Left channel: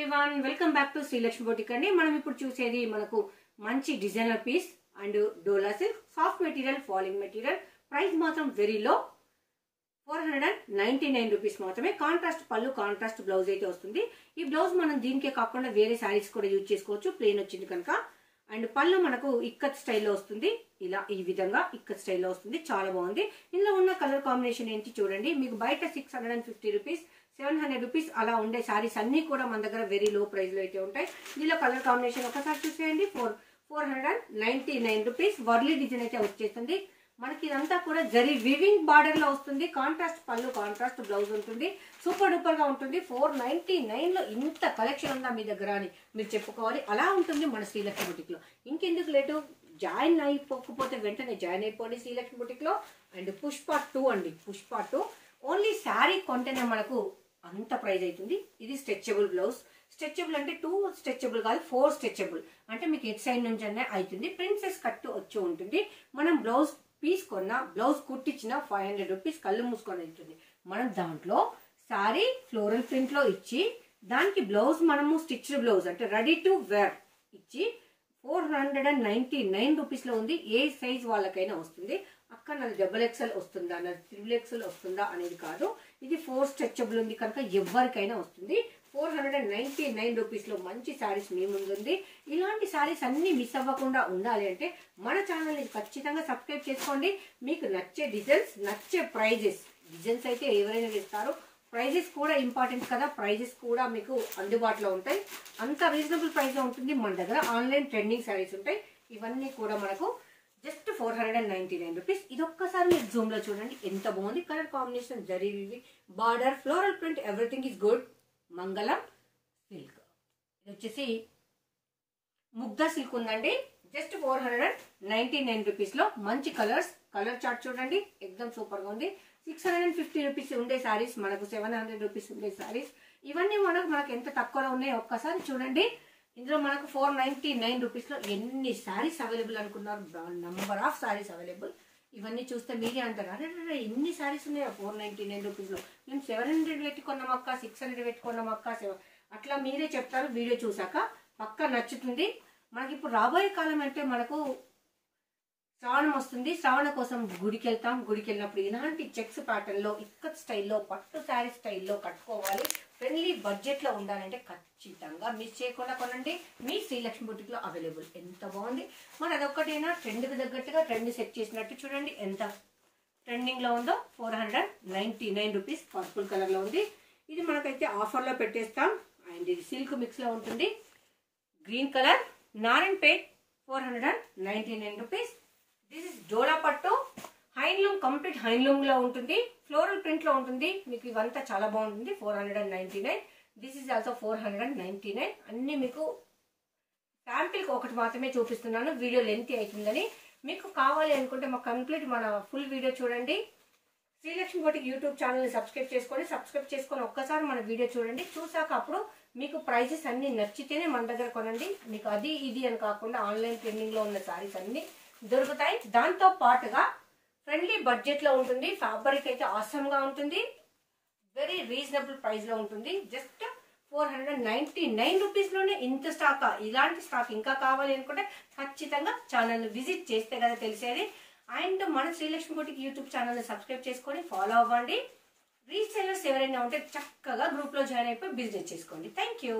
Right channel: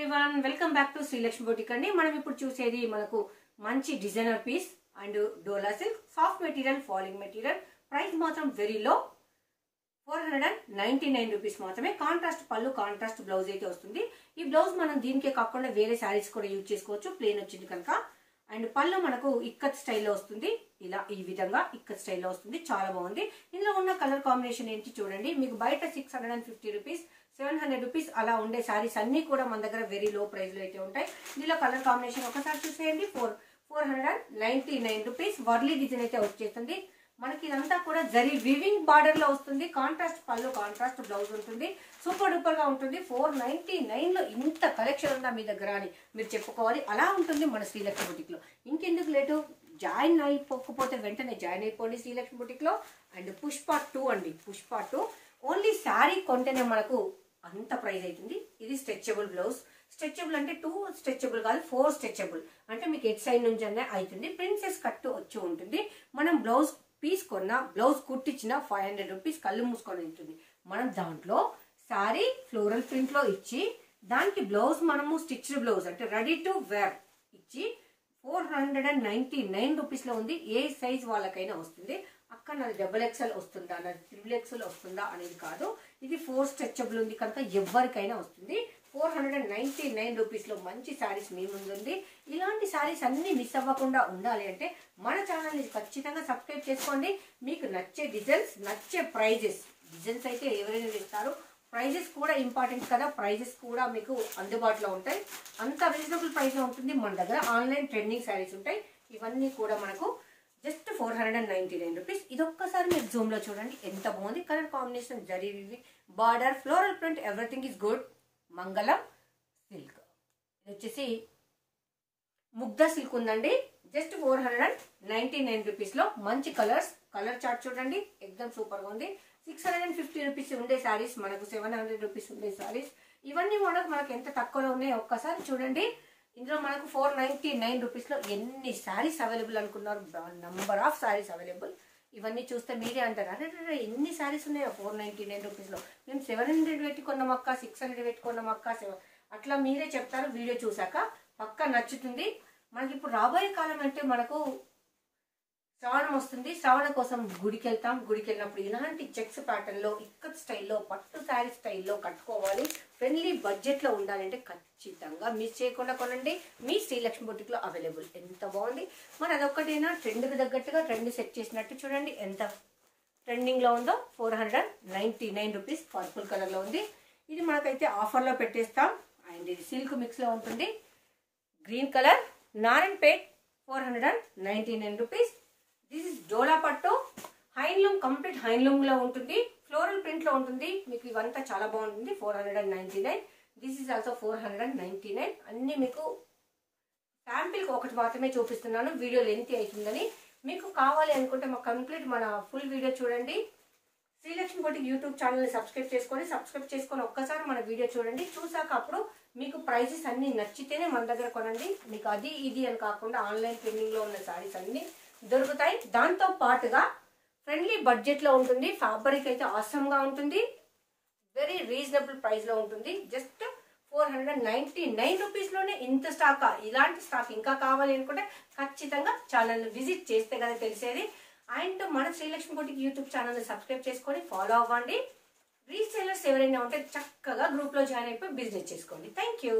Everyone welcome back to Srilakshmi boutique అండి. మనం ఇప్పుడు చూసేది మనకు మంచి designer piece and Dola silk soft material falling material. Price మాత్రం వెరీ లో 499 రూపీస్ మాత్రమే. కాంట్రాస్ట్ పళ్ళు కాంట్రాస్ట్ బ్లౌజ్ అయితే వస్తుంది. ఈ బ్లౌజ్ మనం దీనికే కాకుండా వేరే శారీస్ కూడా యూజ్ చేసుకోవచ్చు, ప్లెయిన్ వచ్చింది కనుక. అండ్ పళ్ళు మనకు ఇక్కత్ స్టైల్లో వస్తుంది, ఇలా ఈ విధంగా ఇక్కత్ స్టైల్లో వస్తుంది, చాలా బాగుంది. ఇందులో ఉన్న కలర్ కాంబినేషన్ ఏంటి చూడండి. మీకు బయట 650 రూపీస్ 700 రూపీస్ అలా ఉండే సారీస్ అన్ని కూడా మన దగ్గర వెరీ లో ప్రైస్ లో అయితే ఉంటాయి. ఇందులో కలర్ కాంబినేషన్ ఒకసారి చూసేయండి. 499 రూపీస్ వర్లీ డిజైన్ అయితే వచ్చేస్తుంది. మనకి ఇదంతా కూడా జరీ వివింగ్ బార్డర్ లో వస్తుంది. కాంట్రాస్ట్ పళ్ళు కాంట్రాస్ట్ బ్లౌజ్ ఉంటుంది, సూపర్ డూపర్ గా ఉంటుంది. 499 లో ఇంత కలెక్షన్ ఉందా మీ దగ్గర అని మీరు చెప్పుకోవాలి. అలా ఉంటుంది మన శ్రీలక్ష్మి బుటిక్ లో. ఇంకెందుకు లేటు, జాయిన్ అయిపోకపోతే వెంటనే జాయిన్ అయిపోండి శ్రీలక్ష్మి బుటిక్ లో. అండ్ పుష్ప 2 అండి, పుష్ప 2 ఓన్లీ శారీ కొంటేనే మనకు అంత ప్రైస్ అవుతుంది. ఇది స్ట్రెచబుల్ బ్లౌజ్. స్ట్రెచబుల్ అంటే 2 స్ట్రెచబుల్ కాదు, 4 స్ట్రెచబుల్ అంటే మీకు ఎట్ సైడ్ నుంచి అనే అవుతుంది. ప్రిన్సెస్ కట్ వచ్చి ఉంటుంది. మనం బ్లౌజ్ పీస్ కొన్నా బ్లౌజ్ కుట్టించిన 500 రూపీస్ కళ్ళు మూసుకొని ఉంటుంది. మనం దాంట్లో సారీ ఫ్లోరల్ ప్రింట్ లో ఇచ్చి దానికి బ్లౌజ్ మనము స్టిచ్డ్ బ్లౌజ్ అంటే రెడీ టు వేర్ ఇచ్చి 499 రూపీస్ లో ఉంది. ఏ సైజ్ వాళ్ళకైనా వస్తుంది. అక్కడ నాది XXL వస్తుందా, నాది XXL వస్తుందా అనేది కాదు. ఇది 4 స్ట్రెచబుల్ ఉంది కనుక ఎవరికైనా వస్తుంది. 499 రూపీస్ లో మంచి శారీస్ మీ ముందు ఉంది. ఇలాంటి శారీస్ అన్ని మిస్ అవ్వకుండా ఉండాలి అంటే మన ఛానల్ ని ఖచ్చితంగా సబ్స్క్రైబ్ చేసుకోండి. మీకు నచ్చే డిజైన్స్, నచ్చే ప్రైజెస్, డిజైన్స్ అయితే ఎవరైనా ఇస్తారు, ప్రైజెస్ కూడా ఇంపార్టెంట్ కదా. ప్రైజెస్ కూడా మీకు అందుబాటులో ఉంటాయి. అంత రీజనబుల్ ప్రైస్ లో ఉంటుంది. మన దగ్గర ఆన్లైన్ ట్రెండింగ్ శారీస్ ఉంటాయి. ఇవన్నీ కూడా మనకు జస్ట్ 499 రూపీస్. ఇదొక్కసారి మీరు జూమ్ లో చూడండి, ఎంత బాగుంది. Colour combination zari border floral print everything is good. మంగళం సిల్క్, ఇది వచ్చేసి ముగ్ధ సిల్క్ ఉందండి. జస్ట్ 499 రూపీస్ లో మంచి కలర్స్. కలర్ చార్ట్ చూడండి, ఎక్దమ్ సూపర్ గా ఉంది. 650 రూపీస్ ఉండే శారీస్ మనకు 700 రూపీస్ ఉండే శారీస్. ఇవన్నీ మనకు ఎంత తక్కువలో ఉన్నాయి ఒక్కసారి చూడండి. ఇందులో మనకు 499 రూపీస్ లో ఎన్ని శారీస్ అవైలబుల్ అనుకున్నారు, నంబర్ ఆఫ్ శారీస్ అవైలబుల్. ఇవన్నీ చూస్తే మీరే అంటారు, అరే ఎన్ని శారీస్ ఉన్నాయో 499 రూపీస్ లో, మేము 700 పెట్టుకున్నాం అక్క, 600 పెట్టుకున్నాం అక్క, అట్లా మీరే చెప్తారు. వీడియో చూసాక పక్కా నచ్చుతుంది. మనకి ఇప్పుడు రాబోయే కాలం అంటే మనకు శ్రావణం వస్తుంది. శ్రావణ కోసం గుడికి వెళ్తాం. గుడికి వెళ్ళినప్పుడు ఇలాంటి చెక్స్ ప్యాటర్న్ లో ఇక్కత్ స్టైల్లో పట్టు శారీ స్టైల్లో కట్టుకోవాలి. ఫ్రెండ్లీ బడ్జెట్ లో ఉండాలంటే ఖచ్చితంగా మిస్ చేయకుండా కొనండి. మీ శ్రీలక్ష్మి బుటిక్ లో అవైలబుల్. ఎంత బాగుంది. మరి అదొక్కటైనా ట్రెండ్ కి తగ్గట్టుగా ట్రెండ్ సెట్ చేసినట్టు చూడండి ఎంత ట్రెండింగ్ లో ఉందో. 499 రూపీస్ పర్పుల్ కలర్ లో ఉంది. ఇది మనకైతే ఆఫర్ లో పెట్టేస్తాం. అండ్ ఇది సిల్క్ మిక్స్ లో ఉంటుంది. Green colour Narayanpet 499 rupees. This is Dola పట్టు హ్యాండ్లూమ్, కంప్లీట్ హ్యాండ్లూమ్ లో ఉంటుంది. ఫ్లోరల్ ప్రింట్ లో ఉంటుంది. మీకు ఇవంతా చాలా బాగుంటుంది. 499. This is also 499. అన్ని మీకు శాంపిల్ ఒకటి మాత్రమే చూపిస్తున్నాను, వీడియో లెంత్ అవుతుందని. మీకు కావాలి అనుకుంటే మా కంప్లీట్ మన ఫుల్ వీడియో చూడండి. శ్రీలక్ష్మి బుటిక్ యూట్యూబ్ ఛానల్ ని సబ్స్క్రైబ్ చేసుకొని ఒక్కసారి మన వీడియో చూడండి. చూసాక అప్పుడు మీకు ప్రైజెస్ అన్ని నచ్చితేనే మన దగ్గర కొనండి. మీకు అది ఇది అని కాకుండా ఆన్లైన్ ట్రెండింగ్ లో ఉన్న శారీస్ అన్ని దొరుకుతాయి. దాంతో పాటుగా ఫ్రెండ్లీ బడ్జెట్ లో ఉంటుంది. ఫ్యాబ్రిక్ అయితే ఆసమ్ గా ఉంటుంది. వెరీ రీజనబుల్ ప్రైస్ లో ఉంటుంది. జస్ట్ 499 రూపీస్ లోనే ఇంత స్టాక్. ఇలాంటి స్టాక్ ఇంకా కావాలి అనుకుంటే ఖచ్చితంగా ఛానల్ విజిట్ చేస్తే కదా తెలిసేది. అండ్ మన శ్రీలక్ష్మి బుటిక్ యూట్యూబ్ ఛానల్ ని సబ్స్క్రైబ్ చేసుకొని ఫాలో అవ్వండి. రీసెలర్స్ ఎవరైనా ఉంటే చక్కగా గ్రూప్ లో జాయిన్ అయిపోయి బిజినెస్ చేసుకోండి. Thank you.